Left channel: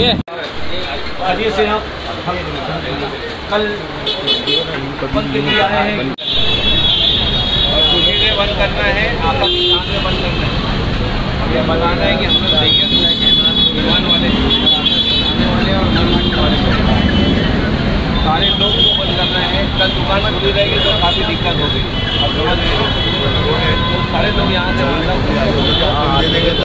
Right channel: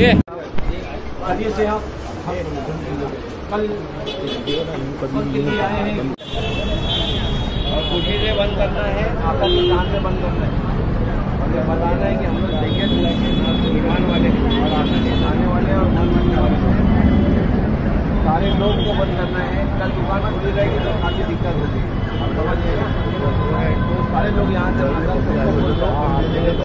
ये आगे से हम कल बंद के लिए आए हैं और खुशी से बंद करना है, आपका दुकान में बंद करना है और ये बताना है कि हम लोग देंगे विमान वाले आने वाले और बनने वाले सारे लोग को बंद करना है। कल दुकान में खुली रहेगी तो काफ़ी दिक्कत होगी और तो सारे लोग यहाँ से बंद कर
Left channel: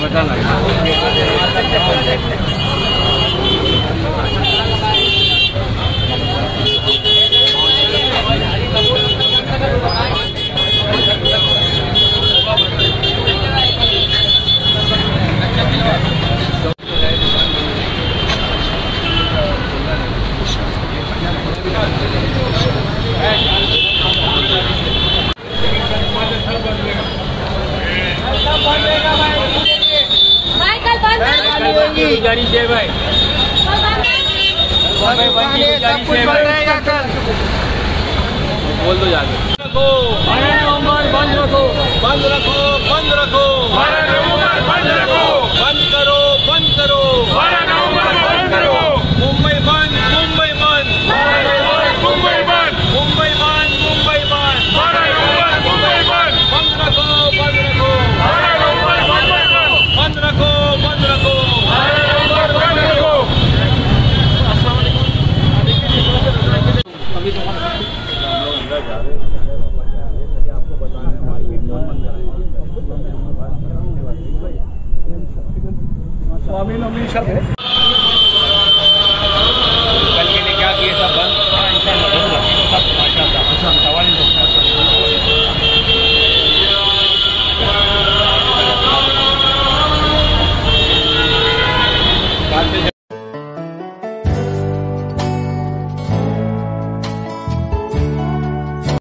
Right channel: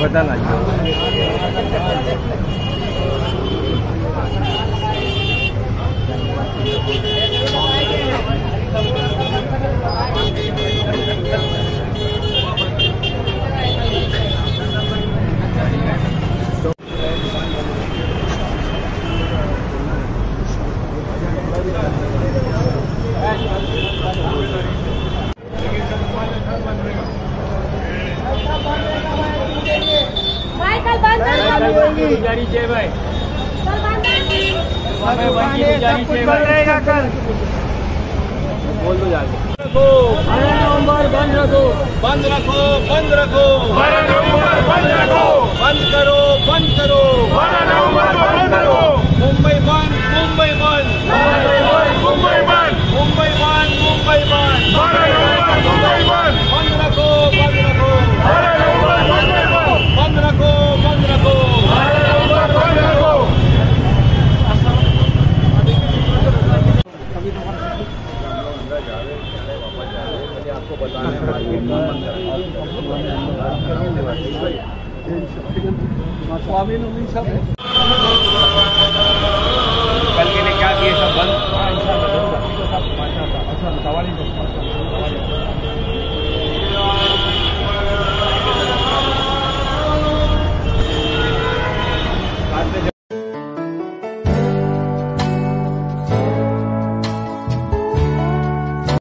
पता लगा जारी से भाई बोल दो जाके रखो बंद रखो बंद रखो बंद रखो बंद रखो बंद करो बंद करो बंद करो मुंबई बंद मुंबई बंद मुंबई बंद मुंबई बंद मुंबई बंद बंद रखो बंद रखो बंद रखो बंद रखो अंदर जा रहे वापस जा रहे मुझे आपको बताना है मार्केट कौन बंद कल के लिए क्या किए सब